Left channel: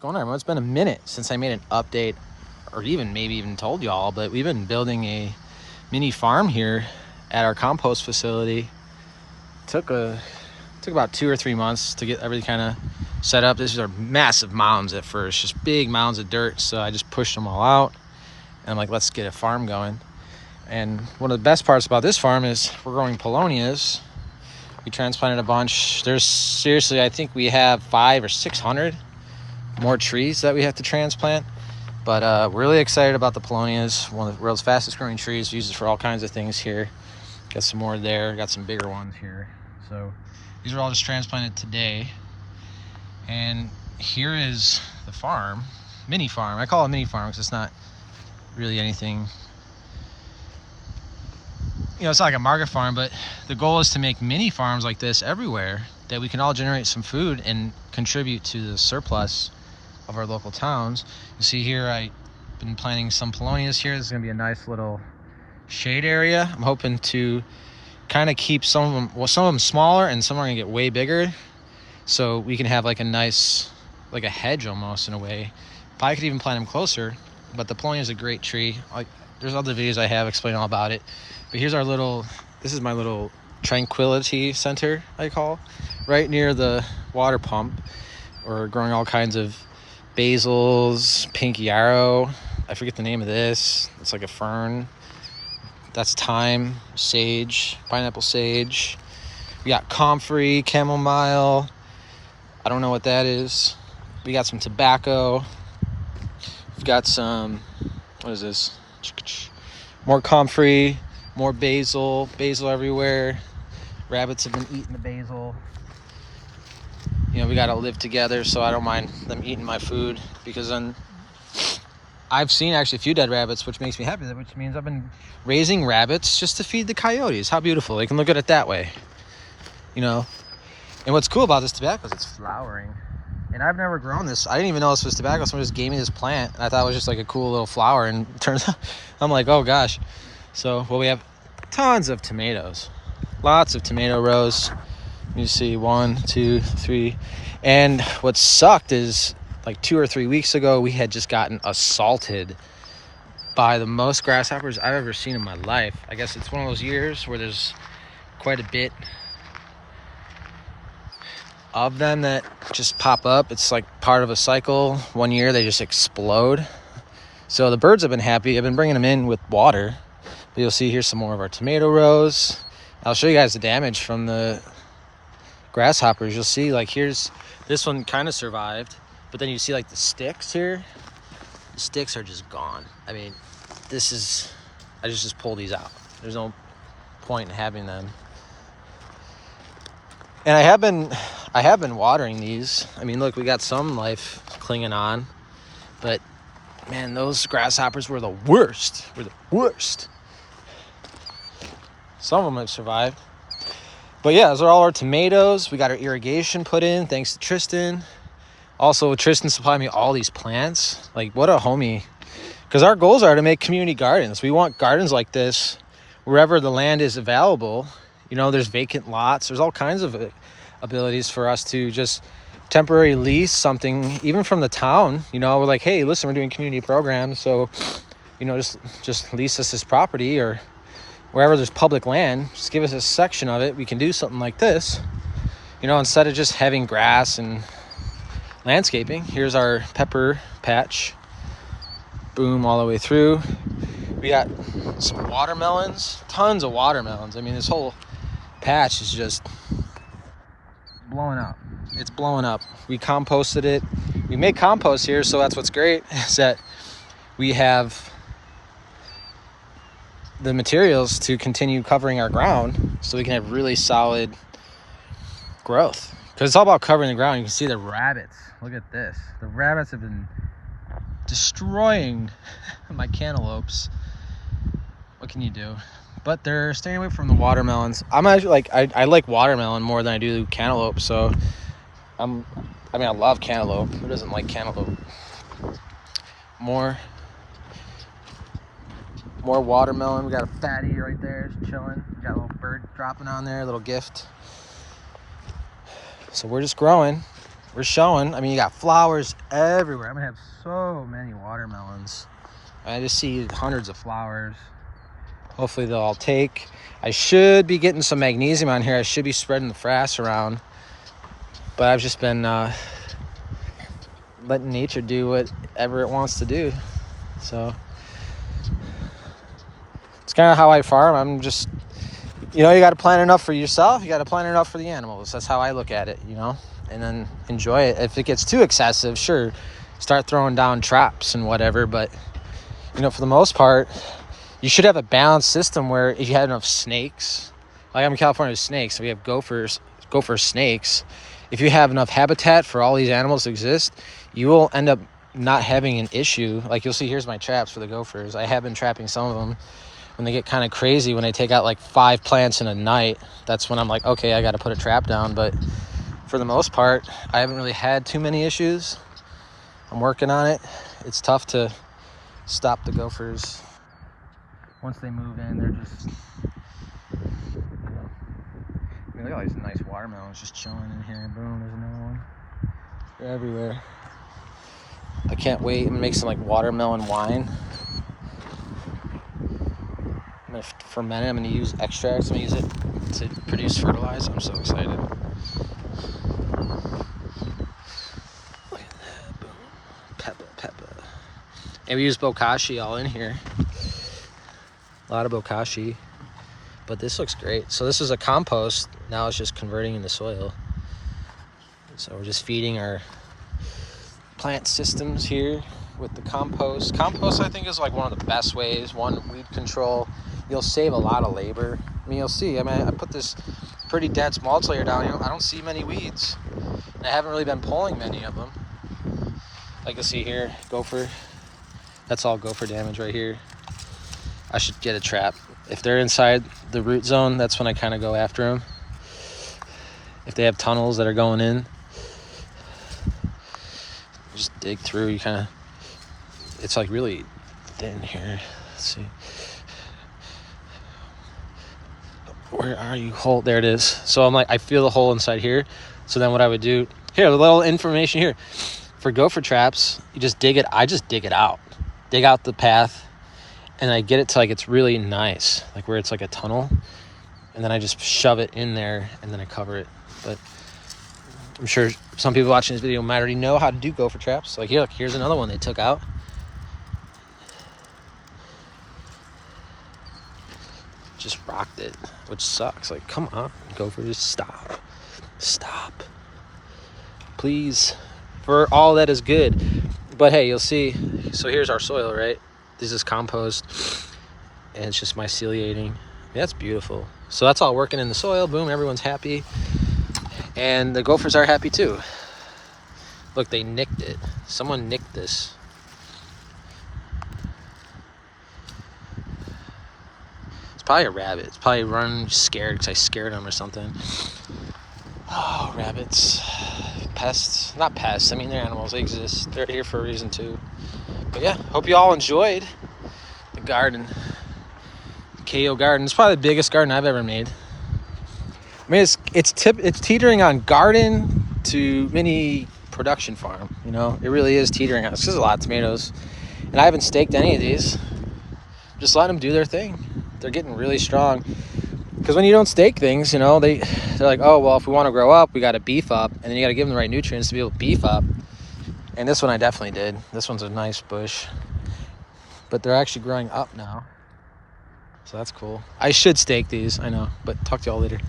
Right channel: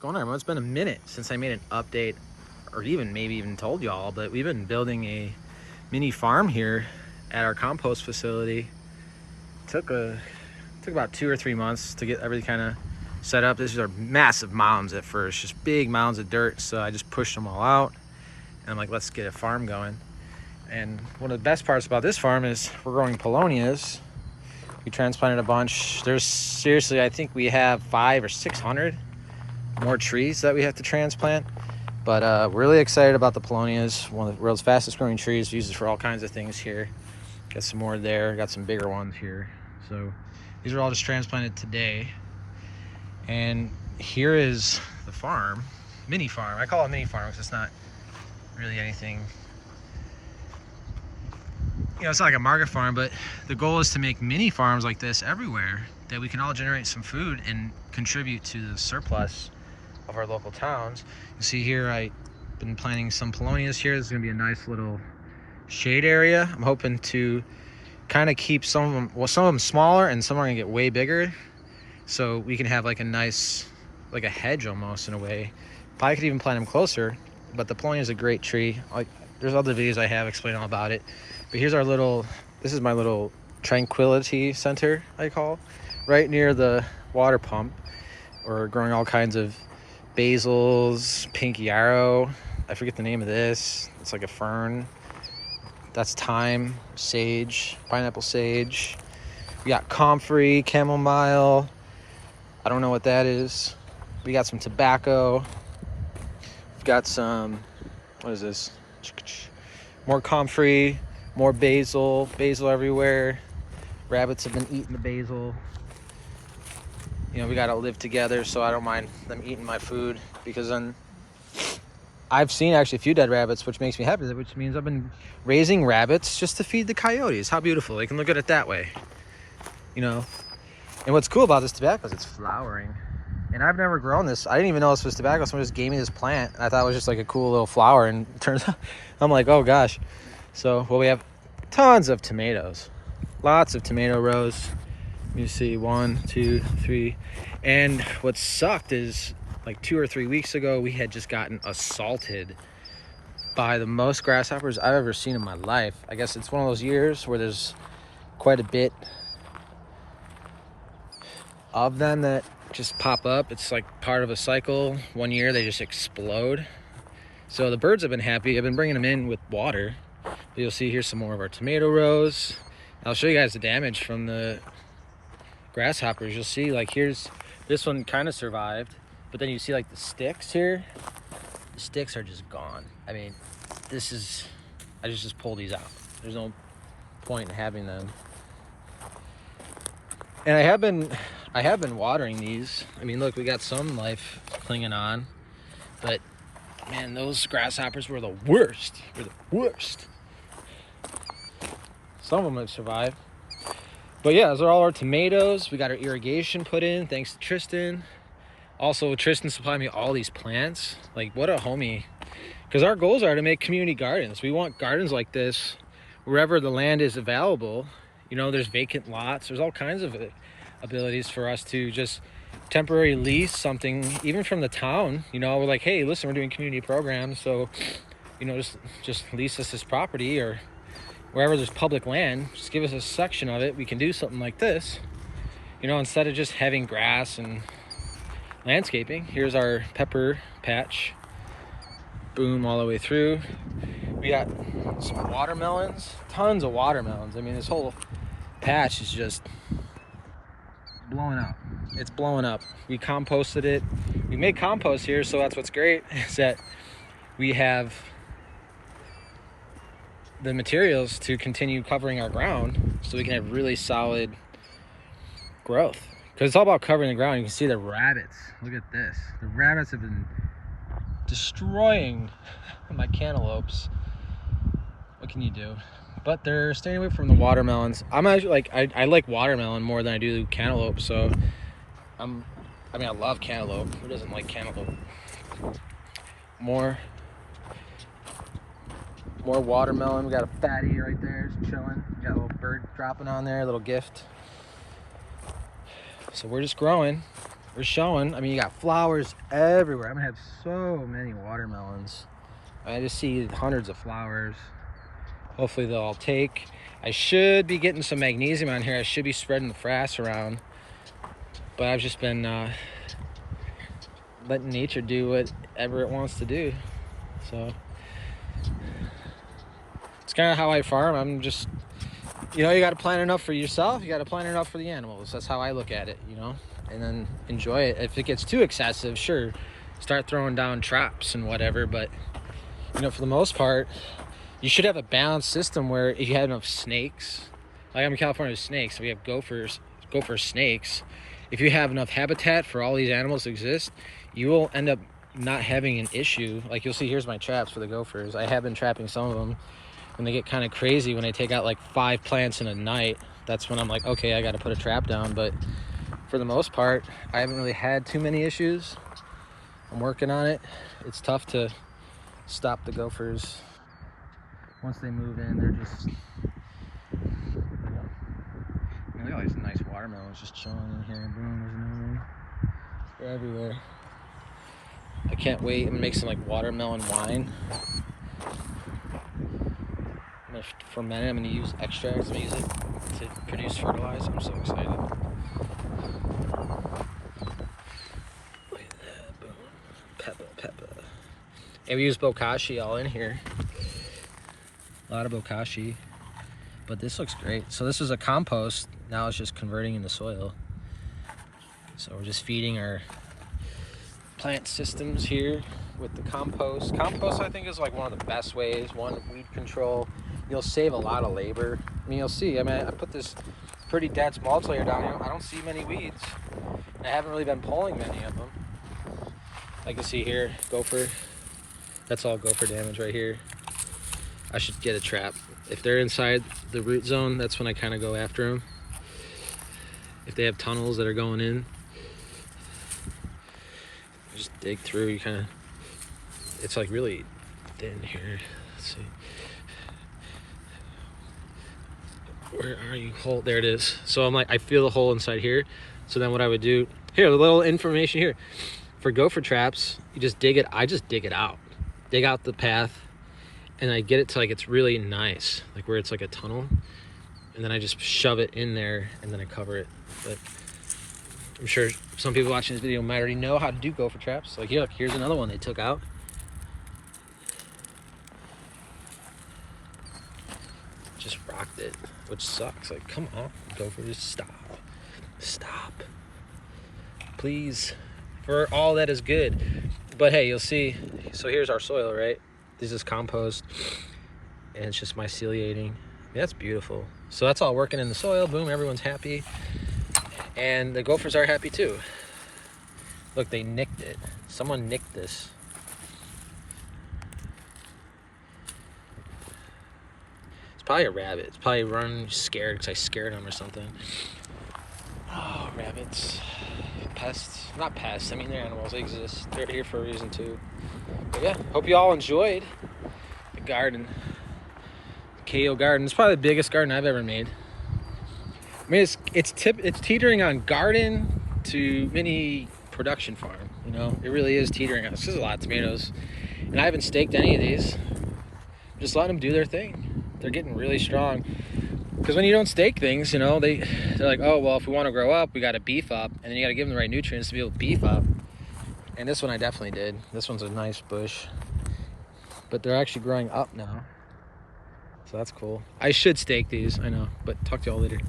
Going on, everyone? It's been a minute since I made an update, or maybe even told y'all, but we've been building a mini farm here at our compost facility. Took about 2 or 3 months to get everything kind of set up. These are massive mounds at first, just big mounds of dirt. So I just pushed them all out, and I'm like, let's get a farm going. And one of the best parts about this farm is we're growing polonias. We transplanted a bunch. There's seriously, I think we have 500 or 600 more trees that we have to transplant, but we're really excited about the polonias. One of the world's fastest growing trees, used for all kinds of things here. Got some more there, got some bigger ones here. So these are all just transplanted today. And here is the farm, mini farm. I call it mini farm because it's not really anything, it's not like a market farm, but the goal is to make mini farms like this everywhere, that we can all generate some food and contribute to the surplus of our local towns. You see here, I've been planting some polonias here. This is gonna be a nice little shade area. I'm hoping to kind of keep some of them, well, some of them smaller, and some are gonna get way bigger, so we can have like a nice, like a hedge almost in a way. Probably could even plant them closer, but the polonia is a great tree. There's other videos I have explaining all about it, but here's our little, this is my little tranquility center, I call, right near the water pump. We're growing all kinds of basils, pink yarrow. I forget the name of this. It's like a fern. That's thyme, sage, pineapple sage. We got comfrey, chamomile. I don't know what that is. We got some tobacco. We've got some, what is this? More comfrey, more basil everywhere. Rabbits have been eating the basil. We gotta live together, so I don't mind them eating my food, because then I've seen actually a few dead rabbits, which makes me happy, which means I've been raising rabbits just to feed the coyotes. How beautiful. They can look at it that way, And what's cool about this tobacco is it's flowering. And I've never grown this. I didn't even know this was tobacco. Someone just gave me this plant, and I thought it was just like a cool little flower, and it turns out, I'm like, oh gosh. So, well, we have tons of tomatoes. Lots of tomato rows. You see 1, 2, 3. And what sucked is, like 2 or 3 weeks ago, we had just gotten assaulted by the most grasshoppers I've ever seen in my life. I guess it's one of those years where there's quite a bit of them that just pop up. It's like part of a cycle. One year they just explode. So the birds have been happy. I've been bringing them in with water. But you'll see here's some more of our tomato rows. I'll show you guys the damage from the grasshoppers. You'll see, like, here's this one kind of survived, but then you see like the sticks here. The sticks are just gone. I mean, this is, I just pull these out. There's no point in having them. And I have been watering these. I mean, look, we got some life clinging on, but man, those grasshoppers were the worst. Some of them have survived. But yeah, those are all our tomatoes. We got our irrigation put in, thanks to Tristan. Also, Tristan supplied me all these plants. Like, what a homie. Because our goals are to make community gardens. We want gardens like this wherever the land is available. There's vacant lots. There's all kinds of abilities for us to just temporarily lease something, even from the town. We're like, hey, listen, we're doing community programs, so just lease us this property, or wherever there's public land, just give us a section of it. We can do something like this, instead of just having grass and landscaping. Here's our pepper patch. Boom, all the way through. We got some watermelons, tons of watermelons. I mean, this whole patch is just blowing up. It's blowing up. We composted it. We make compost here, so that's what's great, is that we have the materials to continue covering our ground, so we can have really solid growth. Because it's all about covering the ground. You can see the rabbits. Look at this. The rabbits have been destroying my cantaloupes. What can you do? But they're staying away from the watermelons. I'm actually like, I like watermelon more than I do cantaloupe. So I love cantaloupe. Who doesn't like cantaloupe? More watermelon. We got a fatty right there, just chilling. We got a little bird dropping on there, a little gift. So we're just growing. They're showing. I mean, you got flowers everywhere. I'm gonna have so many watermelons. I just see hundreds of flowers. Hopefully they'll all take. I should be getting some magnesium on here. I should be spreading the frass around. But I've just been letting nature do whatever it wants to do. So it's kind of how I farm. I'm just, you know, you got to plan enough for yourself. You got to plan enough for the animals. That's how I look at it, you know, and then enjoy it. If it gets too excessive, sure, start throwing down traps and whatever. But, you know, for the most part, you should have a balanced system where if you have enough snakes, like I'm in California with snakes, so we have gophers, snakes. If you have enough habitat for all these animals to exist, you will end up not having an issue. Like you'll see, here's my traps for the gophers. I have been trapping some of them. When they get kind of crazy, when they take out like 5 plants in a night, that's when I'm like, okay, I got to put a trap down. But for the most part, I haven't really had too many issues. I'm working on it. It's tough to stop the gophers. Once they move in, they're just, I mean, look at all these nice watermelons just chilling in here. Boom, there's another one. They're everywhere. I can't wait. I'm gonna make some like watermelon wine. I'm gonna ferment it. I'm gonna use extracts. I'm gonna use it to produce fertilizer. I'm so excited. Look at that. Boom. Peppa. And we use bokashi all in here. A lot of bokashi. But this looks great. So this is a compost. Now it's just converting into soil. So we're just feeding our plant systems here with the compost. Compost, I think, is like one of the best ways. One, weed control. You'll save a lot of labor. I mean, you'll see. I mean, I put this pretty dense mulch layer down. You know, I don't see many weeds. I haven't really been pulling many of them. Like you see here, gopher. That's all gopher damage right here. I should get a trap. If they're inside the root zone, that's when I kind of go after them. If they have tunnels that are going in, just dig through. You kind of, it's like really thin here. Let's see. Where are you? Hole, there it is. So I'm like, I feel the hole inside here. So then what I would do, here, a little information here. For gopher traps, you just dig it. I just dig it out. Dig out the path. And I get it to like, it's really nice. Like where it's like a tunnel. And then I just shove it in there and then I cover it. But I'm sure some people watching this video might already know how to do gopher traps. Like here, look, here's another one they took out. Just rocked it, which sucks. Like, come on, gophers, stop, please, for all that is good. But hey, you'll see. So here's our soil, right? This is compost, and it's just myceliating. That's beautiful. So that's all working in the soil. Boom, everyone's happy, and the gophers are happy too. Look, they nicked it. Someone nicked this. Probably a rabbit. It's probably running scared because I scared him or something. Oh, rabbits. Pests. Not pests. I mean, they're animals. They exist. They're here for a reason, too. But yeah, hope you all enjoyed the garden. The KO garden. It's probably the biggest garden I've ever made. I mean, it's teetering on garden to mini production farm. You know, it really is teetering on. There's a lot of tomatoes. And I haven't staked any of these. Just letting them do their thing. They're getting really strong. Because when you don't stake things, you know, they're like, oh, well, if we want to grow up, we got to beef up. And then you got to give them the right nutrients to be able to beef up. And this one I definitely did. This one's a nice bush. But they're actually growing up now. So that's cool. I should stake these, I know. But talk to y'all later.